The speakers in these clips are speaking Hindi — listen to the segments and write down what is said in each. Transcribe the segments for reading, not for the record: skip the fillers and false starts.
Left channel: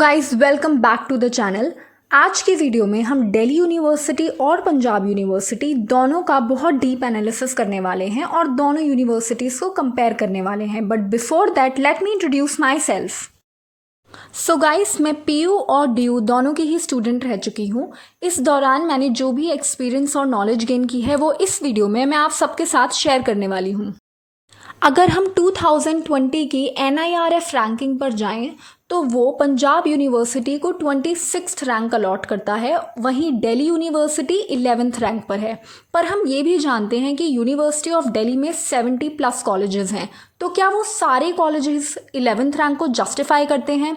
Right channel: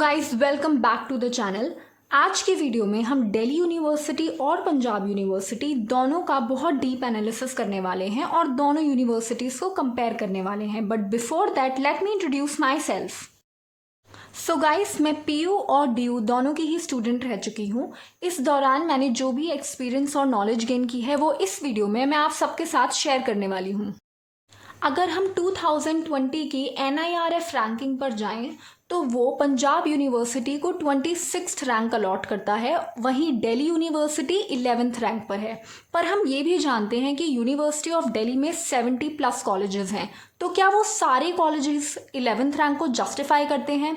Guys welcome back to the channel. आज की वीडियो में हम दिल्ली यूनिवर्सिटी और पंजाब यूनिवर्सिटी दोनों का बहुत डीप एनालिसिस करने वाले हैं और दोनों यूनिवर्सिटीज़ को कंपेयर करने वाले हैं। But before that let me introduce my self. So guys, मैं पीयू और डीयू दोनों की ही स्टूडेंट रह चुकी हूँ। इस दौरान मैंने जो भी एक्सपीरियंस और नॉलेज गेन की है वो इस वीडियो में मैं आप सबके साथ शेयर करने वाली हूँ। अगर हम 2020 की NIRF रैंकिंग पर जाएं तो वो पंजाब यूनिवर्सिटी को 26th रैंक अलॉट करता है, वहीं दिल्ली यूनिवर्सिटी 11th रैंक पर है। पर हम ये भी जानते हैं कि यूनिवर्सिटी ऑफ दिल्ली में 70+ कॉलेजेस हैं, तो क्या वो सारे कॉलेजेस 11th रैंक को जस्टिफाई करते हैं?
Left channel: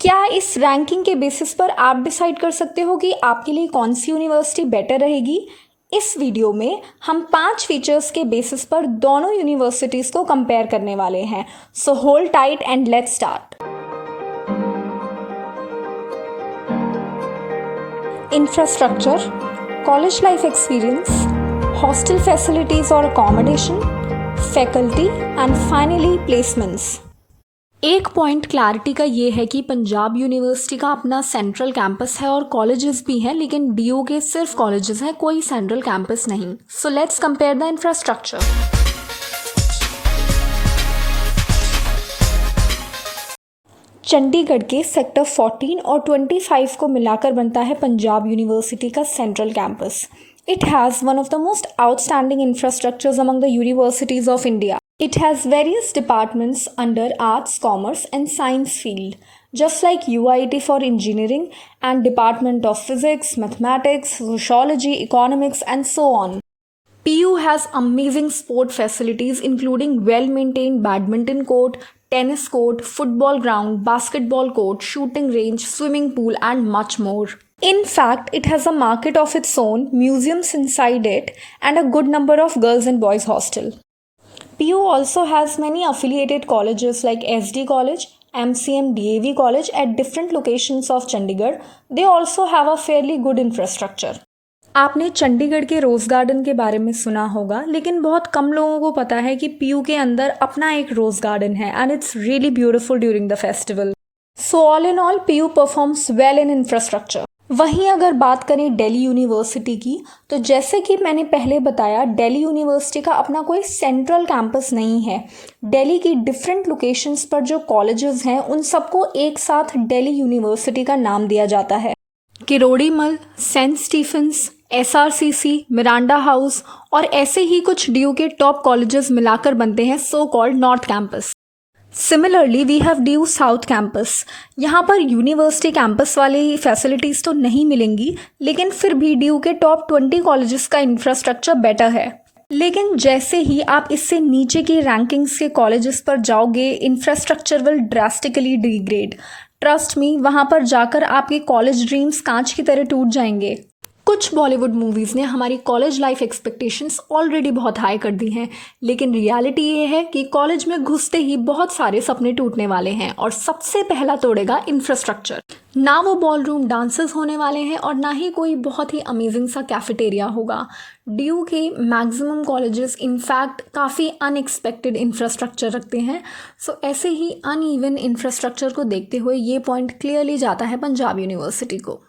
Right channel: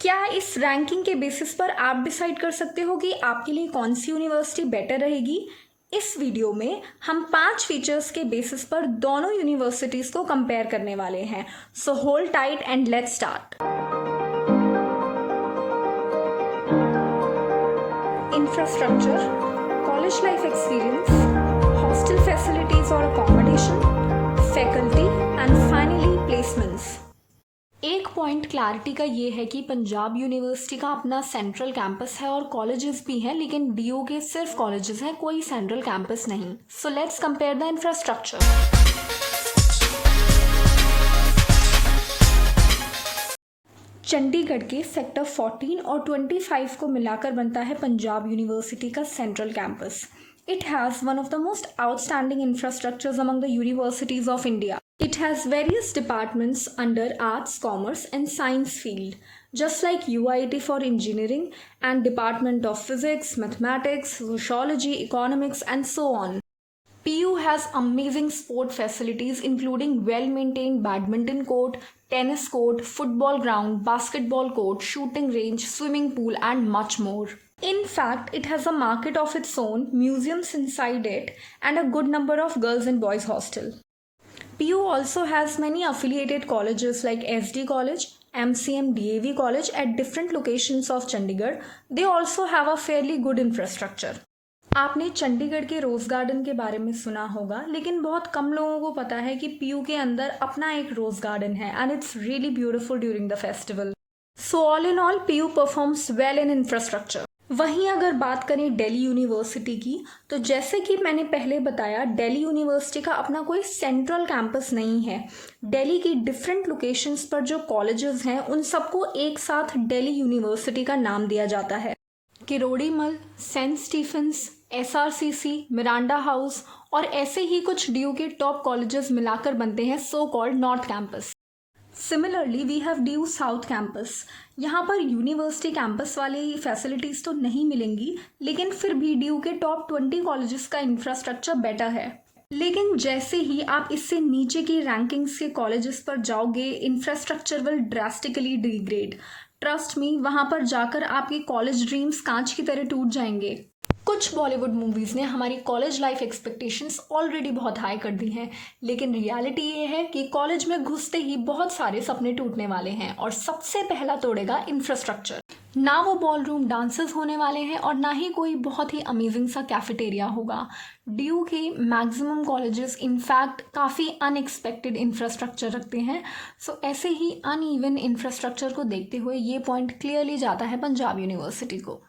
क्या इस रैंकिंग के बेसिस पर आप डिसाइड कर सकते हो कि आपके लिए कौन सी यूनिवर्सिटी बेटर रहेगी? इस वीडियो में हम 5 फीचर्स के बेसिस पर दोनों यूनिवर्सिटीज़ को कंपेयर करने वाले हैं। So hold tight and let's start. Infrastructure, college life experience, hostel facilities और accommodation, faculty and finally placements. एक पॉइंट क्लैरिटी का ये है कि पंजाब यूनिवर्सिटी का अपना सेंट्रल कैंपस है और कॉलेजेस भी हैं, लेकिन डीयू के सिर्फ कॉलेजेस हैं, कोई सेंट्रल कैंपस नहीं। So let's compare the infrastructure. Chandigarh के सेक्टर 14 और 25 को मिलाकर बनता है पंजाब यूनिवर्सिटी का central campus. It has one of the most outstanding infrastructures among the universities of India. It has various departments under arts, commerce and science field, just like UIT for engineering and Department of Physics, Mathematics, Sociology, Economics and so on. PU has amazing sport facilities including well-maintained badminton court, tennis court, football ground, basketball court, shooting range, swimming pool and much more. In fact, it has a market of its own, museums inside it, and a good number of girls and boys hostel. PU also has many affiliated colleges like SD College, MCM DAV College at different locations of Chandigarh. They also have a fairly good infrastructure. आपने चंडीगढ़ के रोज़ गार्डन के बारे में सुना होगा, लेकिन बहुत कम लोगों को पता है कि PU के अंदर अपना एक रोज़ गार्डन है and it's really beautiful during the festival. So all in all, PU performs well in infrastructure. वहीं अगर बात करें दिल्ली यूनिवर्सिटी की, तो जैसे कि मैंने पहले बताया, दिल्ली यूनिवर्सिटी का अपना कोई सेंट्रल कैंपस नहीं है। दिल्ली की डिफरेंट लोकेशंस पर जो कॉलेजेस हैं उन सबको एक साथ दिल्ली यूनिवर्सिटी का नाम दिया जाता है। Kirorimal, saint Stephen's, SRCC, Miranda house और ऐसे ही कुछ डीयू के टॉप कॉलेजेस मिलाकर बनते हैं so called north campus. Similarly we have DU south campus. यहाँ पर यूनिवर्सिटी कैंपस वाली फैसिलिटीज़ तो नहीं मिलेंगी, लेकिन फिर भी डीयू के टॉप 20 कॉलेजेस का इंफ्रास्ट्रक्चर बेटर है। लेकिन जैसे ही आप इससे नीचे की रैंकिंग्स के कॉलेजेस पर जाओगे, infrastructure will drastically degrade. Trust me, वहाँ पर जाकर आपके कॉलेज ड्रीम्स कांच की तरह टूट जाएंगे। कुछ बॉलीवुड मूवीज़ ने हमारी कॉलेज लाइफ एक्सपेक्टेशंस ऑलरेडी बहुत हाई कर दी हैं, लेकिन रियलिटी ये है कि कॉलेज में घुसते ही बहुत सारे सपने टूटने वाले हैं और सबसे पहला तोड़ेगा इंफ्रास्ट्रक्चर। ना वो बॉल रूम डांसेस होने वाले हैं और ना ही कोई बहुत ही अमेजिंग सा कैफेटेरिया होगा। डीयू के मैक्सिमम कॉलेजेस इनफैक्ट काफ़ी अनएक्सपेक्टेड इंफ्रास्ट्रक्चर रखते हैं। सो ऐसे ही अनइवन इंफ्रास्ट्रक्चर को देखते हुए ये पॉइंट क्लियरली जाता है पंजाब यूनिवर्सिटी को।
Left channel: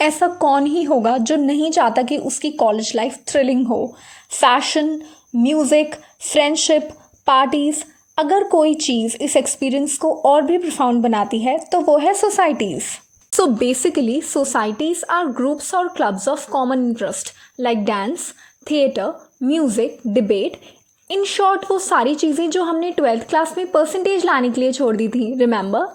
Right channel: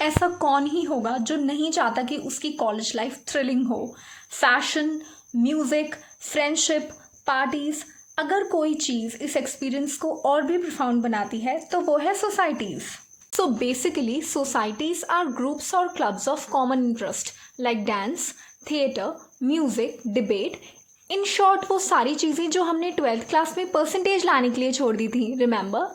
ऐसा कौन ही होगा जो नहीं चाहता कि उसकी कॉलेज लाइफ थ्रिलिंग हो। फैशन, म्यूज़िक, फ्रेंडशिप, पार्टीज़, अगर कोई चीज़ इस एक्सपीरियंस को और भी प्रोफाउंड बनाती है तो वो है societies. So basically societies are groups और clubs of common interest like dance, theatre, music, debate. In short वो सारी चीज़ें जो हमने 12th क्लास में परसेंटेज लाने के लिए छोड़ दी थी, remember?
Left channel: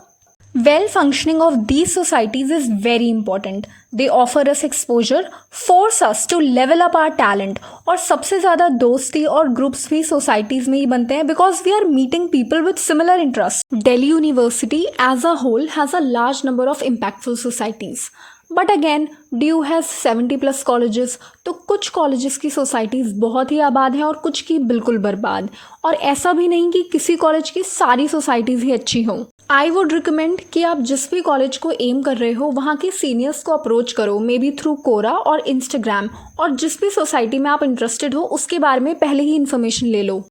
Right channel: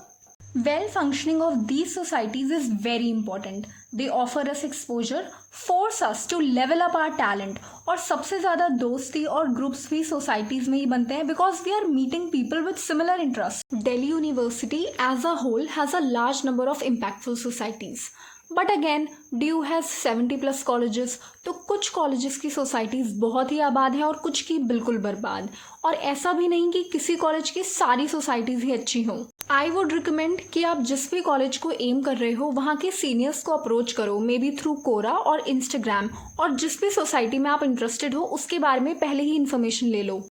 Well functioning of these societies is very important. They offer us exposure, force us to level up our talent और सबसे ज़्यादा दोस्ती और ग्रुप्स भी सोसाइटीज़ में ही बनते हैं because we are meeting people with similar interests. Delhi University as a whole has a large number of impactful societies. But again DU has 70+ colleges, तो कुछ कॉलेजेस की सोसाइटीज़ बहुत ही आबाद हैं और कुछ की बिल्कुल बर्बाद। और ऐसा भी नहीं कि किसी कॉलेज की सारी सोसाइटीज़ ही अच्छी हों। आई वुड रिकमेंड कि आप जिस भी कॉलेज को एम कर रहे हो वहाँ के सीनियर्स को अप्रोच करो, मे बी थ्रू कोरा और इंस्टाग्राम, और जिस भी सोसाइटी में आप इंटरेस्टेड हो उसके बारे में पहले ही इन्फॉर्मेशन ले लो।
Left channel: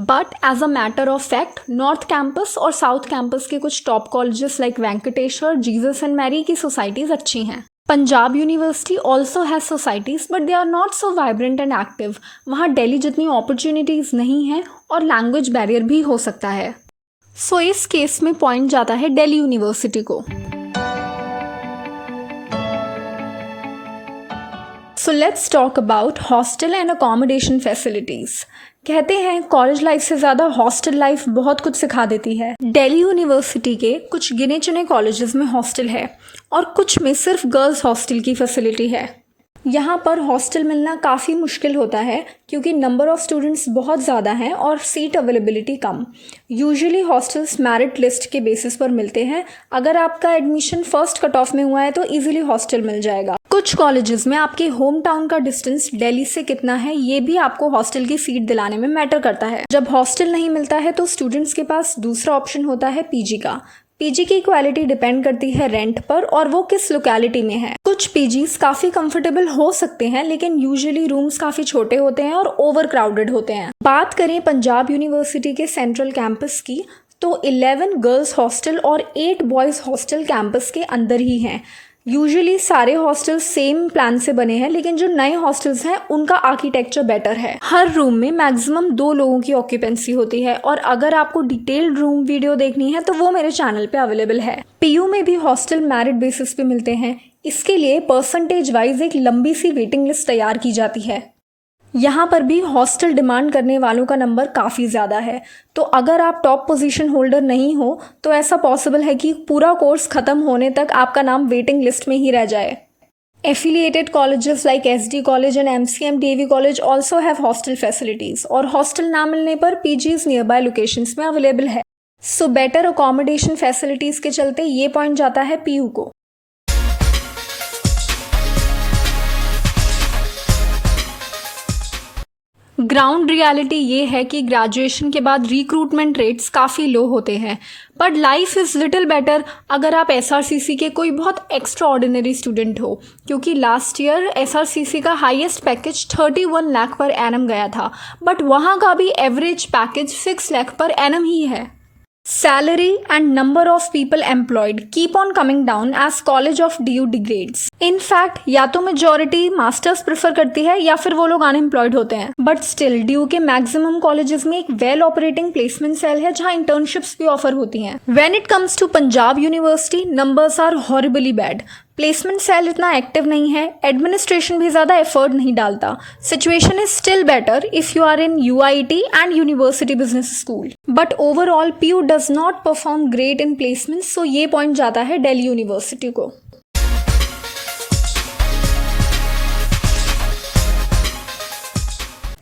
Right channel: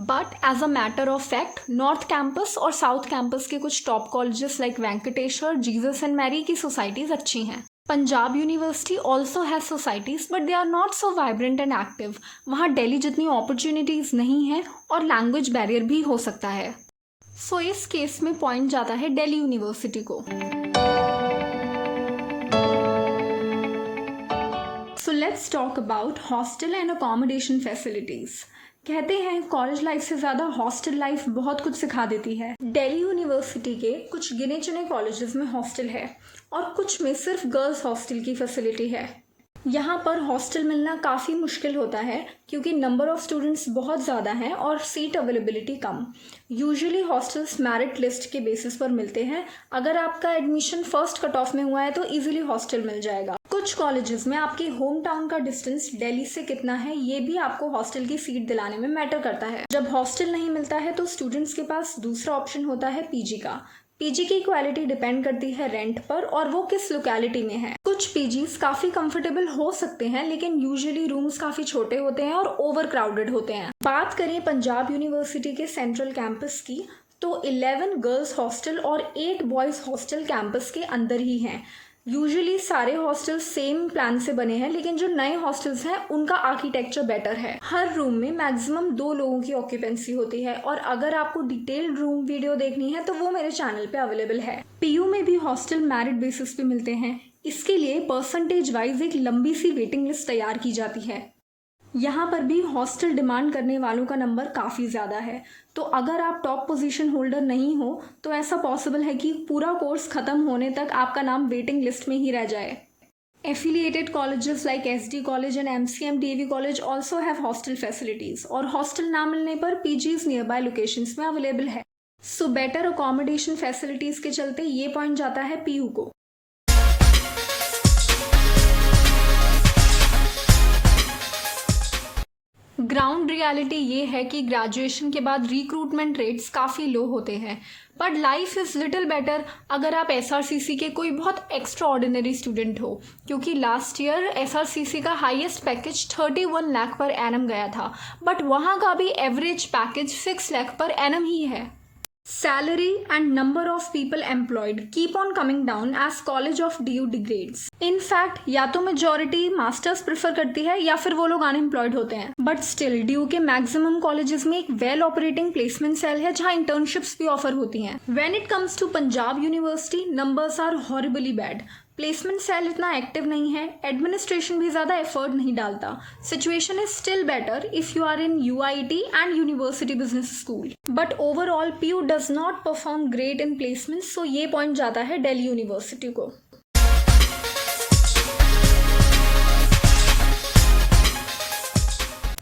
But as a matter of fact north campus और साउथ कैंपस के कुछ top colleges like Venkateswara, Jesus and Mary की सोसाइटीज़ अच्छी हैं। Punjab university also has societies but they are not so vibrant and active. वहाँ दिल्ली जितनी अपॉर्चुनिटीज़ नहीं हैं और लैंग्वेज बैरियर भी हो सकता है। सो इस केस में पॉइंट जाता है दिल्ली यूनिवर्सिटी को। So let's talk about hostel and accommodation facilities. कहते हैं कॉलेज लाइफ से ज़्यादा हॉस्टल लाइफ बहुत कुछ सिखा देती है। दिल्ली यूनिवर्सिटी के कुछ गिने चुने कॉलेजेस में हॉस्टल है और कुछ में सिर्फ गर्ल्स हॉस्टल की फैसिलिटी है। यहाँ पर हॉस्टल मिलना काफ़ी मुश्किल होता है क्योंकि नंबर ऑफ़ स्टूडेंट्स बहुत ज़्यादा हैं और सीट अवेलेबिलिटी कम। यूजुअली हॉस्टल्स मेरिट लिस्ट के बेसिस पर मिलते हैं। अगर आपका एडमिशन फर्स्ट कट ऑफ में हुआ है तो इजीली हॉस्टल मिल जाएगा। कुछ कॉलेजेस में आपके होम टाउन का डिस्टेंस दिल्ली से कितना है ये भी आपको हॉस्टल की सीट दिलाने में मैटर करता है। जब हॉस्टल नहीं मिलता है तो स्टूडेंट्स के पास दूसरा ऑप्शन होता है पीजी का। पीजी की क्वालिटी डिपेंड करती है रेंट पर और वो किस लोकेलिटी में है। कुछ पीजीज काफ़ी कंफर्टेबल हो सकते हैं लेकिन यूजुअली रूम्स काफ़ी छोटे होते हैं और ओवर क्राउडेड होते हैं। बात करें पंजाब यूनिवर्सिटी के सेंट्रल कैंपस की तो 11 गर्ल्स हॉस्टल और 8 बॉयज़ हॉस्टल कैंपस के अंदर ही हैं। यूजुअली सारे हॉस्टल्स सेम प्लान से बने हैं लेकिन जो नए हॉस्टल्स हैं उनका आर्किटेक्चर बेटर है। हर रूम में मैक्सिमम 2 लोगों की ऑक्यूपेंसी होती है और अगर आपको डिटेल्ड रूम वीडियो देखनी है तो वो मेरे चैनल पे अवेलेबल है। पीयू में भी हॉस्टल मेरिट बेसिस पे मिलते हैं। इसके लिए परसेंटेज वाइज एक लंबी सी वेटिंग लिस्ट तैयार की जाती है। यहाँ पर भी हॉस्टल डिमांड करने वालों का नंबर काफ़ी ज़्यादा है, तो अगर आप टॉप पोजीशन होल्डर नहीं हो तो ऐसा पॉसिबल है कि पूरा कोर्स ख़त्म होने तक आपका नाम वेटिंग लिस्ट में ही रह जाए। Affiliated colleges like SD college and MCM DAV college also have hostel facilities और हॉस्टल ना मिलने पर पीजीज नियर बाय लोकेशंस में अवेलेबल है। सो बेटर अकोमोडेशन फैसिलिटीज़ के चलते ये पॉइंट जाता है पीयू को। ग्राउंड रियलिटी ये है कि ग्रेजुएशन के बाद रिक्रूटमेंट रेट्स काफ़ी लो होते हैं, but life is little better अगर आप एसआरसीसी के कोई बहुत एक्स्ट्रा ऑर्डिनरी स्टूडेंट हो, क्योंकि लास्ट ईयर एसआरसीसी का highest package 31 lakh per annum गया था, बट वहाँ का भी average package 6 lakh per annum ही है। Salary and number of people employed keep on coming down as College of DU degrades. In fact, या तो मेजॉरिटी मास्टर्स प्रेफर करती है या फिर वो लोग अनएम्प्लॉयड होते हैं, बट स्टिल DU के मैक्सिमम कॉलेजेस में एक वेल ऑपरेटिंग प्लेसमेंट सेल है जहाँ इंटर्नशिप्स भी ऑफर होती हैं। When it comes to Punjab university, numbers are horribly bad. Placement cell इतना एक्टिव नहीं है, एडमिनिस्ट्रेशन भी ज़्यादा एफर्ट नहीं डालता। Situation is still better if you are in UIT and university business school, but overall PU does not perform great in placement, so ये पॉइंट जाता है दिल्ली यूनिवर्सिटी को।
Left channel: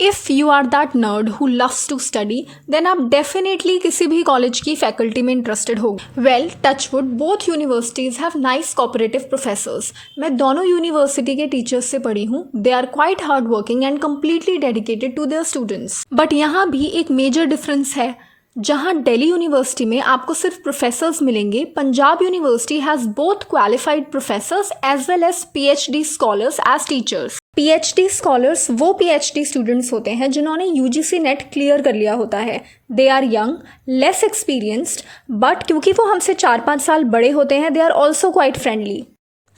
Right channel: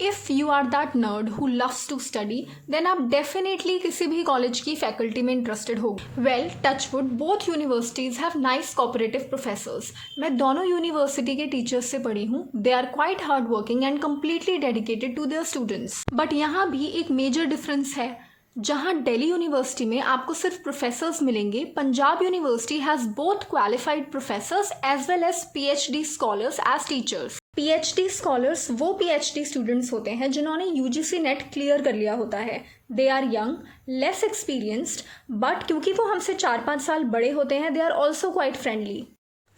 If you are that nerd who loves to study then आप डेफिनेटली किसी भी कॉलेज की फैकल्टी में इंटरेस्टेड हो। Well, touchwood both universities have nice cooperative professors. मैं दोनों यूनिवर्सिटी के टीचर्स से पढ़ी हूँ। They are quite hard working and completely dedicated to their students. But यहाँ भी एक मेजर डिफरेंस है। जहाँ दिल्ली यूनिवर्सिटी में आपको सिर्फ प्रोफेसर्स मिलेंगे, Punjab university has both qualified professors as well as PhD scholars as teachers. PhD scholars वो PhD स्टूडेंट्स होते हैं जिन्होंने UGC नेट क्लियर कर लिया होता है। They are young, less experienced, but क्योंकि वो हमसे 4-5 साल बड़े होते हैं, they are also quite friendly.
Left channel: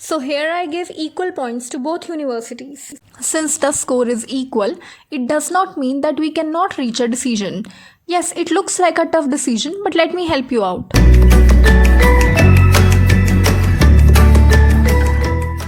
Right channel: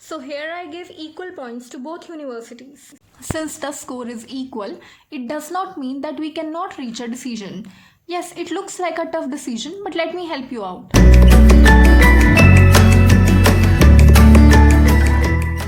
So here I give equal points to both universities. Since the score is equal, it does not mean that we cannot reach a decision. Yes, it looks like a tough decision, but let me help you out.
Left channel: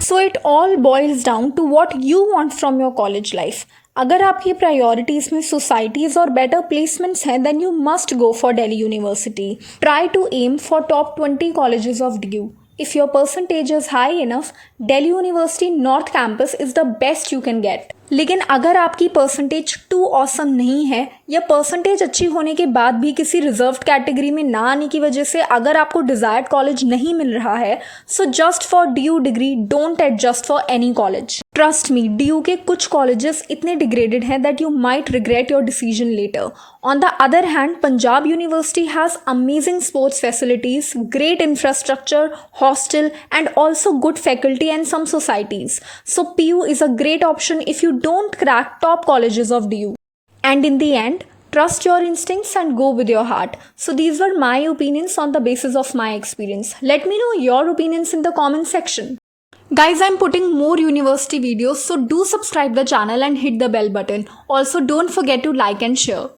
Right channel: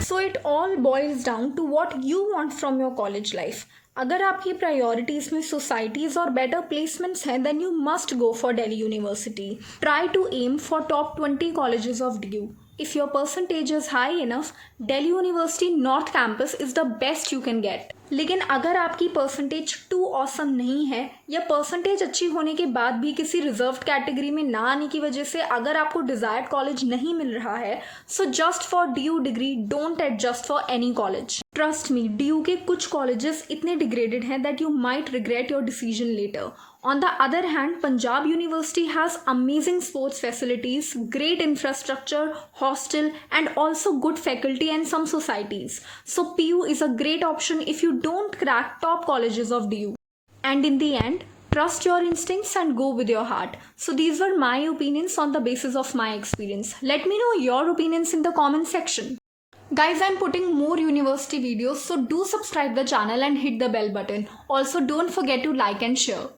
So it all boils down to what you want from your college life. अगर आपकी प्रायोरिटीज़ में सोसाइटीज़ और बेटर प्लेसमेंट्स हैं, then you must go for Delhi University. Try to aim for top 20 colleges of DU. If your percentage is high enough, Delhi University North Campus is the best you can get. लेकिन अगर आपकी परसेंटेज टू ऑसम नहीं है या परसेंटेज अच्छी होने के बाद भी किसी रिजर्व्ड कैटेगरी में ना आने की वजह से अगर आपको डिजायर्ड कॉलेज नहीं मिल रहा है, so just for DU degree don't adjust for any college. Trust me, DU के कुछ कॉलेजेस इतने डिग्रेडेड हैं that you might regret your decision later. On the other hand, Punjab University has amazing sports facilities, great infrastructure, hostel, and also good faculty and some societies. So PU is a great option if you don't crack top colleges of DU. And in the end, Trust your instincts and go with your heart. So these were my opinions on the basis of my experience. Let me know your opinions in the comment section. Guys, I'm putting more university videos, so do subscribe the channel and hit the bell button. Also, don't forget to like and share.